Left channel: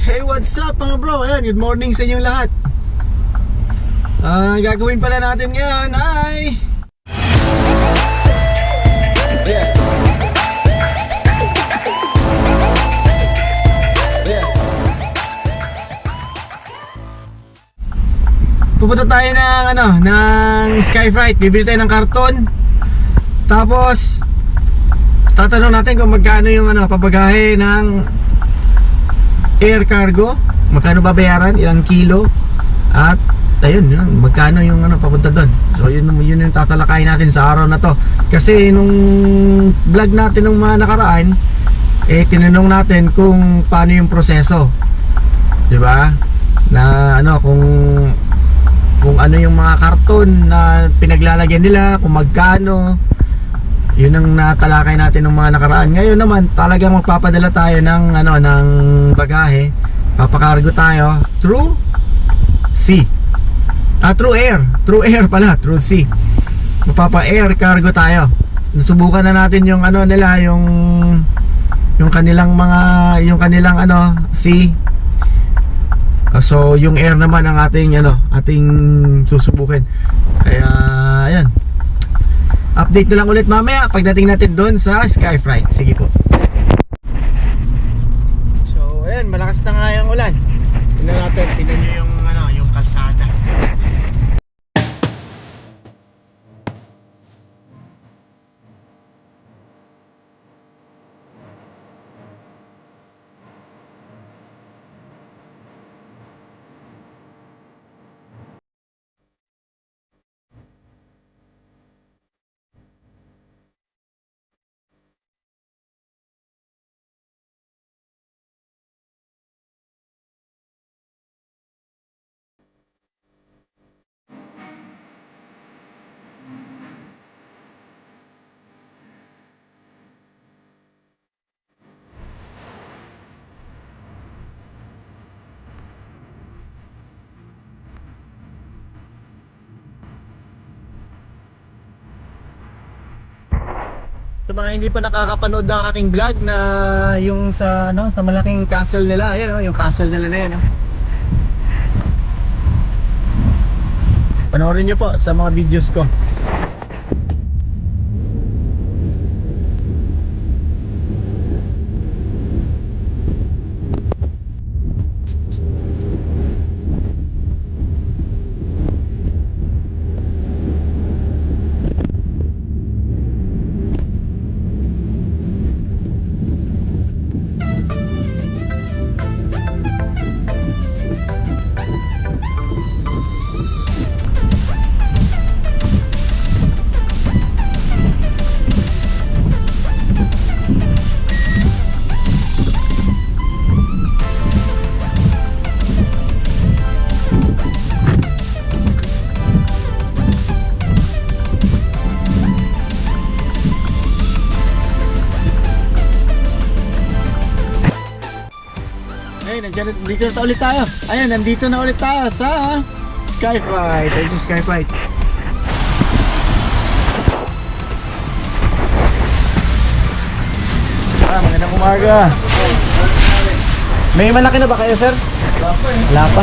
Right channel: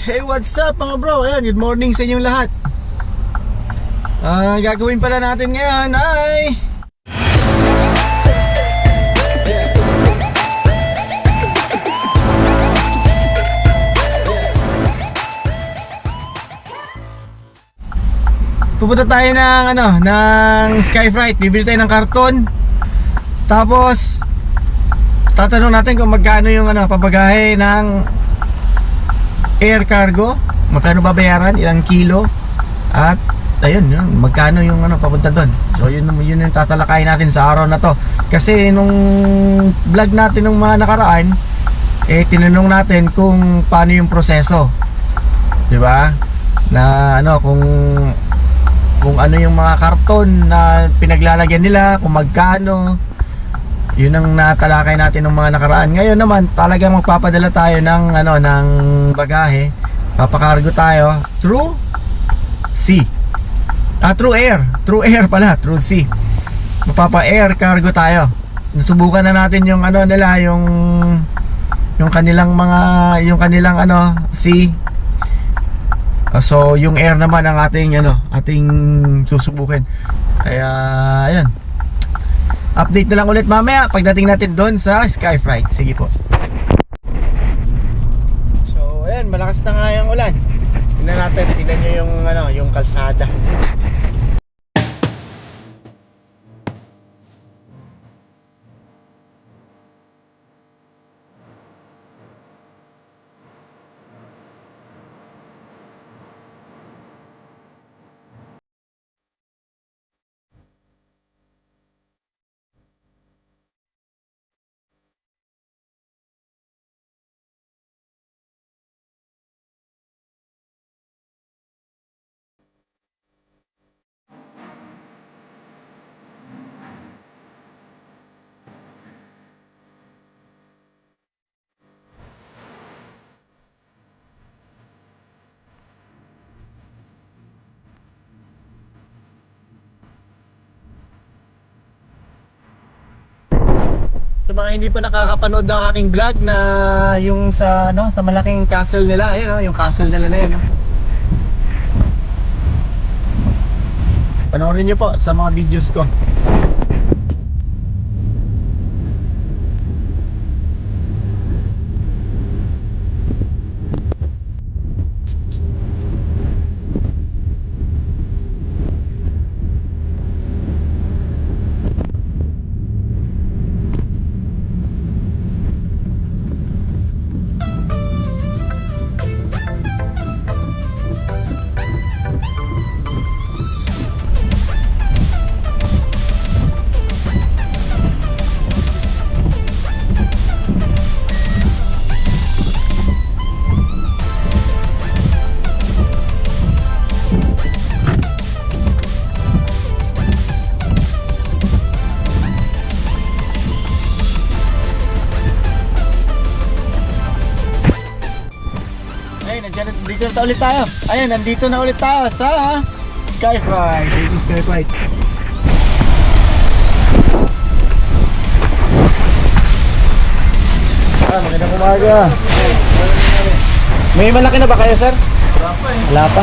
Hey, what's up mga bro? Ayan, good morning sa inyong lahat. Gagawin pala natin ngayon ay pupunta tayo ng Skyflight. Bibili tayo ng karton. Tapos tatanong natin kung magkano yung pabagahe ng air cargo, magkano babayaran, ilang kilo, at ayun, magkano yung papunta doon. So yun yung tatalakayin natin sa araw na to. Kasi nung vlog natin ng mga nakaraan, tinanong natin kung paano yung proseso, di ba? Na kung ano yung mga karton na pinaglalagyan nila, kung magkano. Yun ang natalakay natin ng mga nakaraan. Ngayon naman talagang magpapadala tayo ng bagahe. Papakargo tayo through sea. Through air. Through air pala, through sea. Mapapa-air cargo tayo. Nasubukan na natin yung nila, yung kanilang sea. So yung air naman ang ating susubukin. Kaya ayan. Update na lang ulit mamaya pagdating natin doon sa Skyflight. Sige po. So ayan, malakas na nga yung ulan. Tingnan nyo yung kalsada. Sa mga hindi pa nakakapanood ng aking vlog na yung sa malaking castle nila, ayun, yung castle nila na yun. Panoorin nyo po sa mga videos ko. Dito na ulit tayo. Ayan, nandito na ulit tayo sa Skyflight. Ayun yung Skyflight. Magandang umaga. May malaki na ba kayo, sir? Wala pa.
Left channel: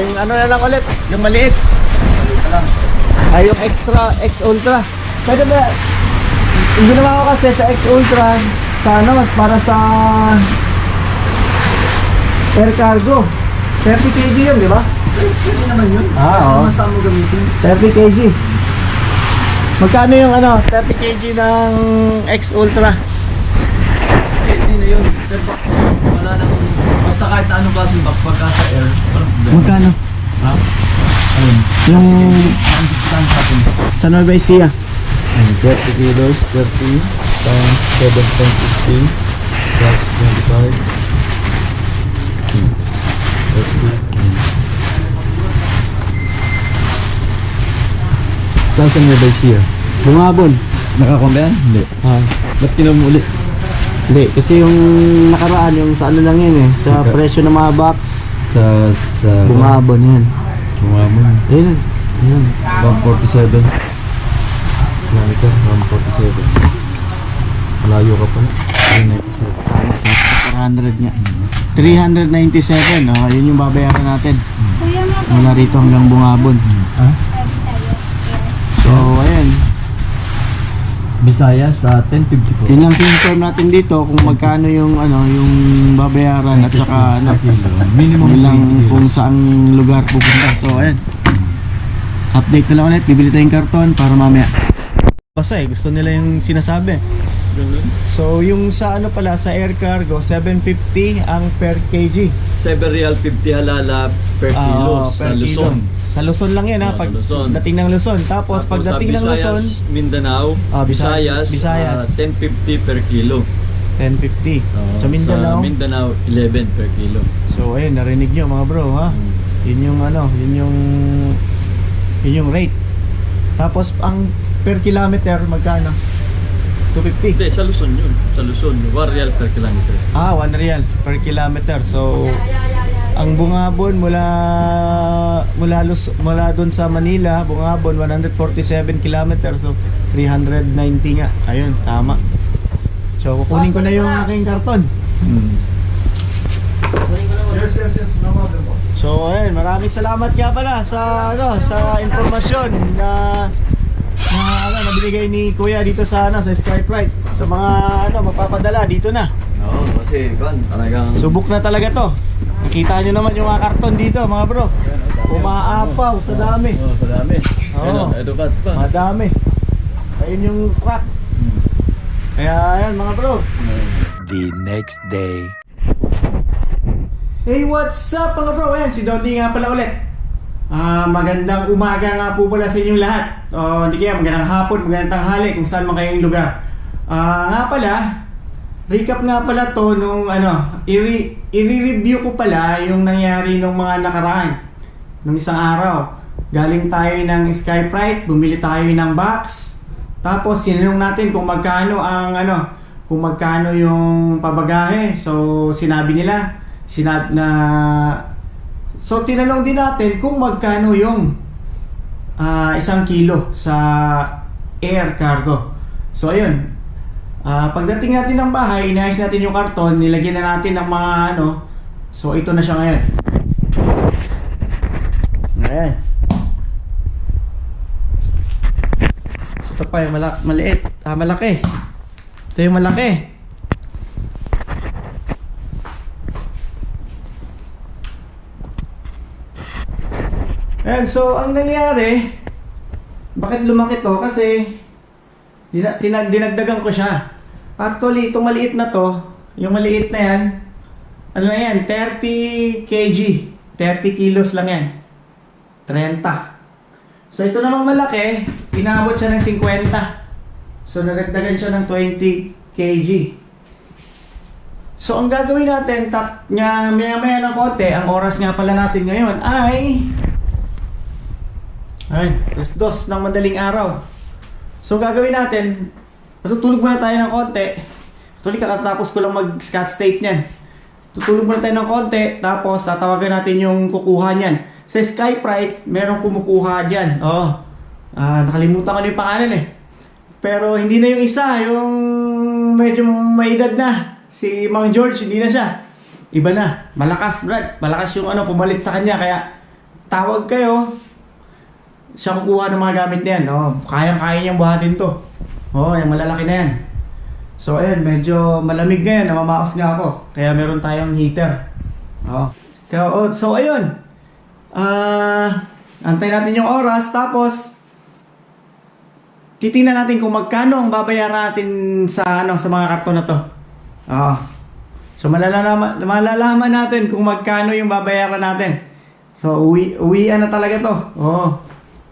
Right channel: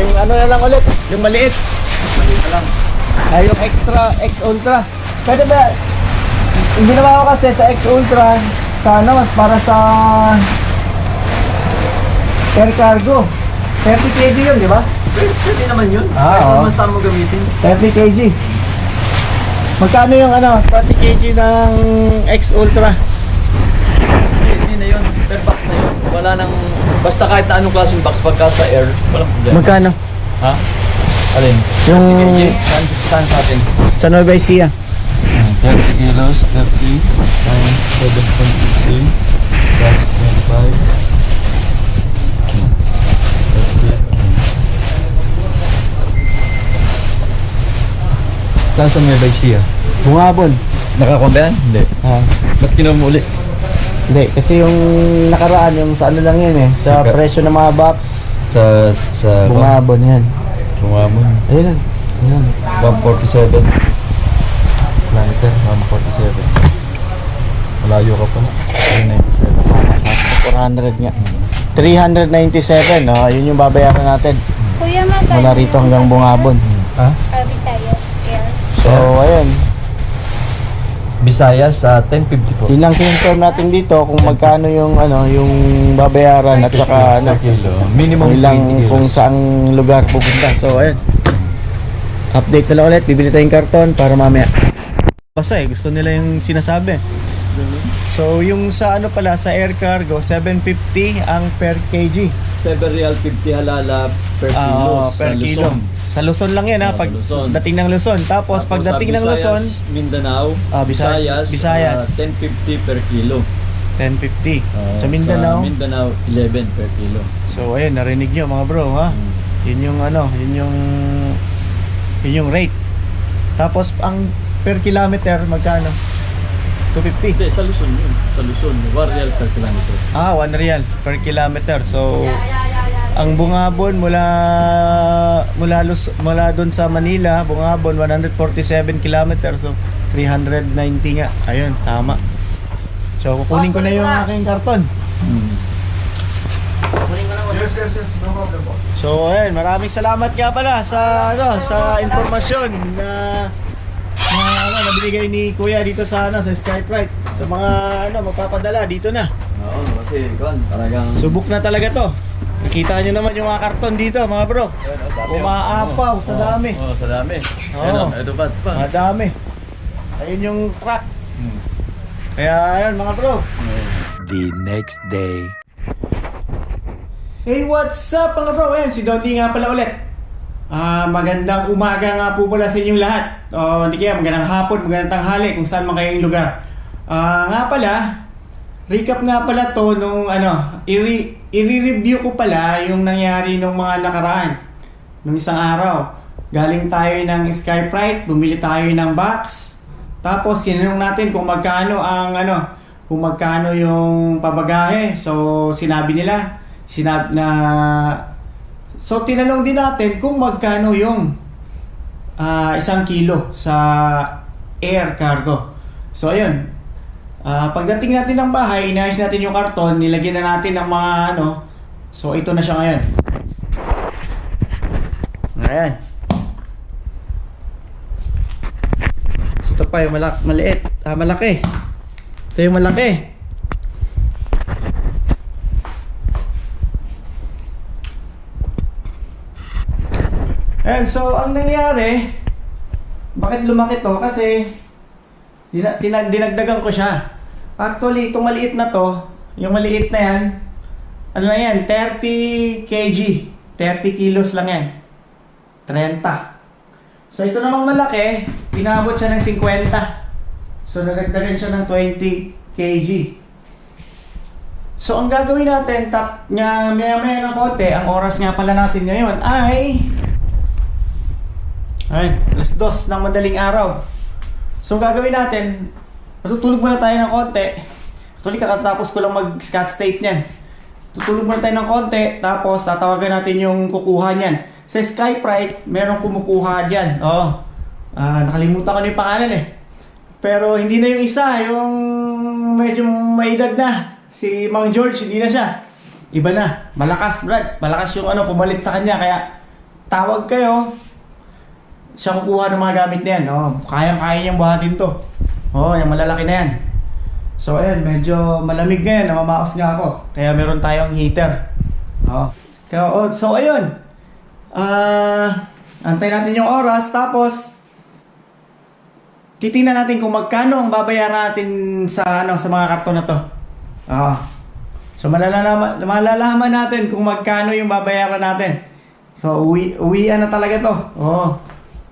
Yung na lang ulit, yung maliit. Maliit lang. Yung extra, X Ultra. Pwede ba? Hindi naman ako kasi sa X Ultra sa para sa air cargo 30 kg yun, di ba? Pwede naman yun. Oo. Masama gamitin 30 kg. Magkano yung 30 kg ng X Ultra? Hindi na yun, per box na yun. Wala nang, basta kahit na anong klaseng box pagka sa air, walang problema. Magkano? Ha? Alin? Yung 30 kg, saan sa atin? Sa Nueva Ecija. 30 kilos, 30 times 7.50 plus 25. Nasaan may siya? Bungabon. Nakakontayan? Hindi. Ba't kinuha mo ulit? Hindi, kasi yung nakaraan, yung sa lang yan sa presyo ng mga box. Sa Bungabon yan. Bungabon. Ayun. 147. Lanter, 147. Malayo ka pa na. 97. Tama sa 400 nga. 397, no? Yun yung babayaran natin. Kuya, Mula rito hanggang Bungabon. Ha? Visayas. So, ayun. Visayas, 1050 po. Yun lang confirm natin dito kung magkano yung ano, yung babayaran at saka ano, Kilo. Minimum ilang 20 kung kilos. saang lugar pupunta. So, ayun. Update na lang ulit. Bibili tayong karton para mamaya. Basta gusto nila yung sinasabi. So, yung sa ano pala, sa air cargo, 750 ang per kg. 7 real 50 halala per kilo Per sa kilo. Luzon. Sa Luzon lang yan ha, Sa pag Luzon. dating ng Luzon. Tapos Tapos pagdating sa ng Luzon, Visayas, Mindanao, Visayas. Visayas, 1050 per kilo. 1050. Sa Sa Mindanao. Mindanao, 11 per kilo. So ayun, narinig nyo mga bro ha. Yun yung ano, yun yung rate. Tapos ang per kilometer magkano? 250. Hindi, sa Luzon yun. Sa Luzon, 1 real per kilometer. 1 real per kilometer. So ang Bungabon mula doon sa Manila, Bungabon 147 kilometer. So 390 nga. Ayun, tama. So kukunin ko na yung aking karton. Yes, no problem po. So ayun, maraming salamat nga pala sa ano, sa informasyon na binigay ni Kuya dito sa sa Skyprite. Sa mga magpapadala dito na. Oo, kasi talagang Subok na talaga to. Nakita nyo naman yung mga karton dito, mga bro. Umaapaw sa dami. Oo, sa dami. Oo. Ito pa. Madami. Ayun yung crack. Kaya ayun mga bro. The next day. Hey, what's up mga bro? Ayan, si Donnie nga pala ulit. Magandang umaga nga po pala sa inyong lahat. O hindi kaya, magandang hapon, magandang tanghali kung saan man kayong lugar. Nga pala, recap nga pala to nung i-review ko pala yung nangyari nung mga nakaraan. Nung isang araw. Galing tayo ng Skyprite, bumili tayo ng box. Tapos sinanong natin kung magkano ang kung magkano yung pabagahe. So sinabi nila, so tinanong din natin kung magkano yung 1 kilo sa air cargo. So ayun, pagdating natin ng bahay, inayos natin yung karton, nilagyan na natin ng mga so ito na siya ngayon. Ayan. So ito pa yung maliit, malaki. Ito yung malaki. And so ang nangyari, bakit lumaki to? Kasi dinagdagan ko siya. Actually, itong maliit na to, yung maliit na yan, 30 kg, 30 kilos lang yan, 30. So ito namang malaki, inabot siya ng 50. So nagdagdagan siya ng 20 kg. So ang gagawin natin, maya-maya ng konti, ang oras nga pala natin ngayon ay 2:00 ng madaling araw. So gagawin natin, tutulog muna tayo ng konti. Actually kakatapos ko lang mag-scotch tape niyan. Tutulog muna tayo ng konti, tapos tatawagan natin yung kukuha niyan. Sa Skyprite, merong kumukuha diyan. Nakalimutan ko na yung pangalan eh. Pero hindi na yung isa, yung medyo may edad na. Si Mang George, hindi na siya. Iba na. Malakas, Brad. Malakas yung pumalit sa kanya. Kaya tawag kayo. Siya kukuha ng mga gamit na yan. Kayang-kaya niyang buhatin to. Yung malalaki na yan. So ayun, medyo malamig ngayon. Namamaos nga ako. Kaya meron tayong heater. So ayun. Antay natin yung oras. Tapos titingnan natin kung magkano ang babayaran natin sa mga karton na to. So malalaman natin kung magkano yung babayaran natin. So uwian na talaga to.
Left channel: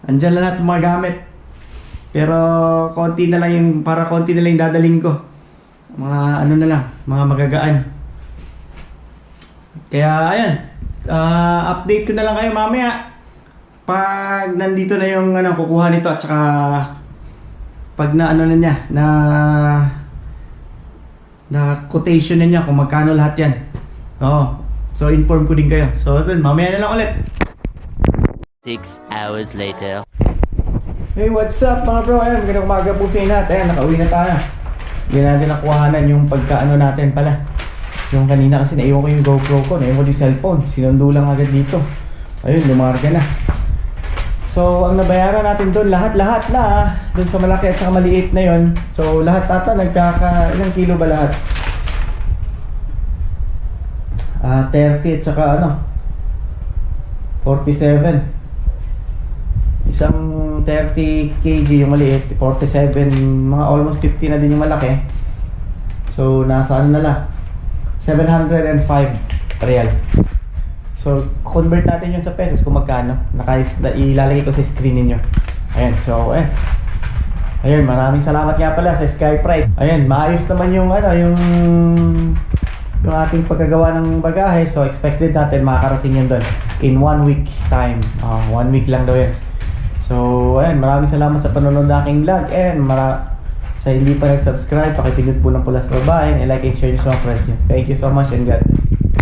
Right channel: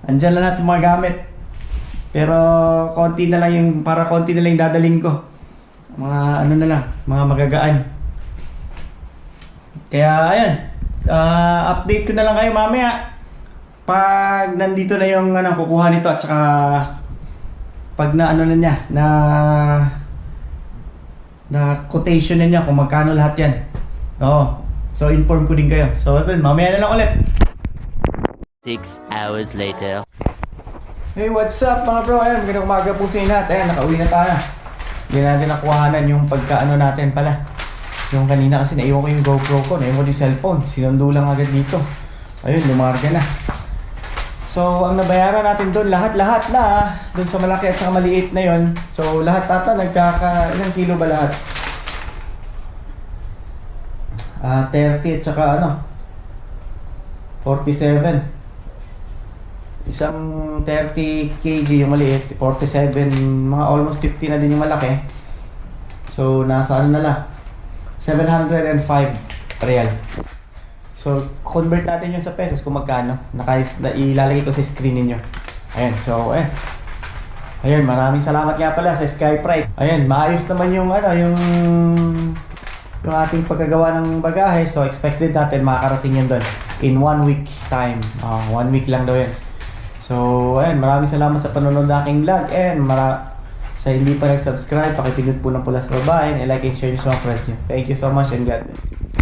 Andyan lang lahat yung mga gamit. Pero konti na lang yung dadaling ko. Mga na lang, mga magagaan. Kaya ayan, update ko na lang kayo mamaya pag nandito na yung kukuha nito, at saka pag na na niya na quotation na niya kung magkano lahat yan. So inform ko din kayo. So dun, mamaya na lang ulit. 6 hours later. Hey, what's up mga bro? Magandang umaga po sa inyo lahat. Nakauwi na tayo. Hindi natin nakuhanan yung pagkaano natin pala. Yung kanina kasi naiwan ko yung GoPro ko, naiwan ko yung cellphone, sinundo lang agad dito. Ayun, lumarga na. So, ang nabayaran natin doon, lahat-lahat na doon sa malaki at saka maliit na yon. So, lahat ata ilang kilo ba lahat? 30 at saka 47. Isang 30 kg yung maliit, 47, mga almost 50 na din yung malaki. So, nasa na lang? 705 real. So, convert natin yun sa pesos kung magkano. Ilalagay ko sa screen ninyo. Ayan, so, ayun, maraming salamat nga pala sa Skyprite. Ayan, maayos naman yung yung ating pagkagawa ng bagahe. So, expected natin makakarating yan doon in 1 week time. 1 week lang daw yan. So, ayun, maraming salamat sa panonood ng aking vlog. And sa hindi pa nag-subscribe, pakipindot po ng pula sa baba and like and share nyo sa mga friends nyo. Thank you so much and God bless.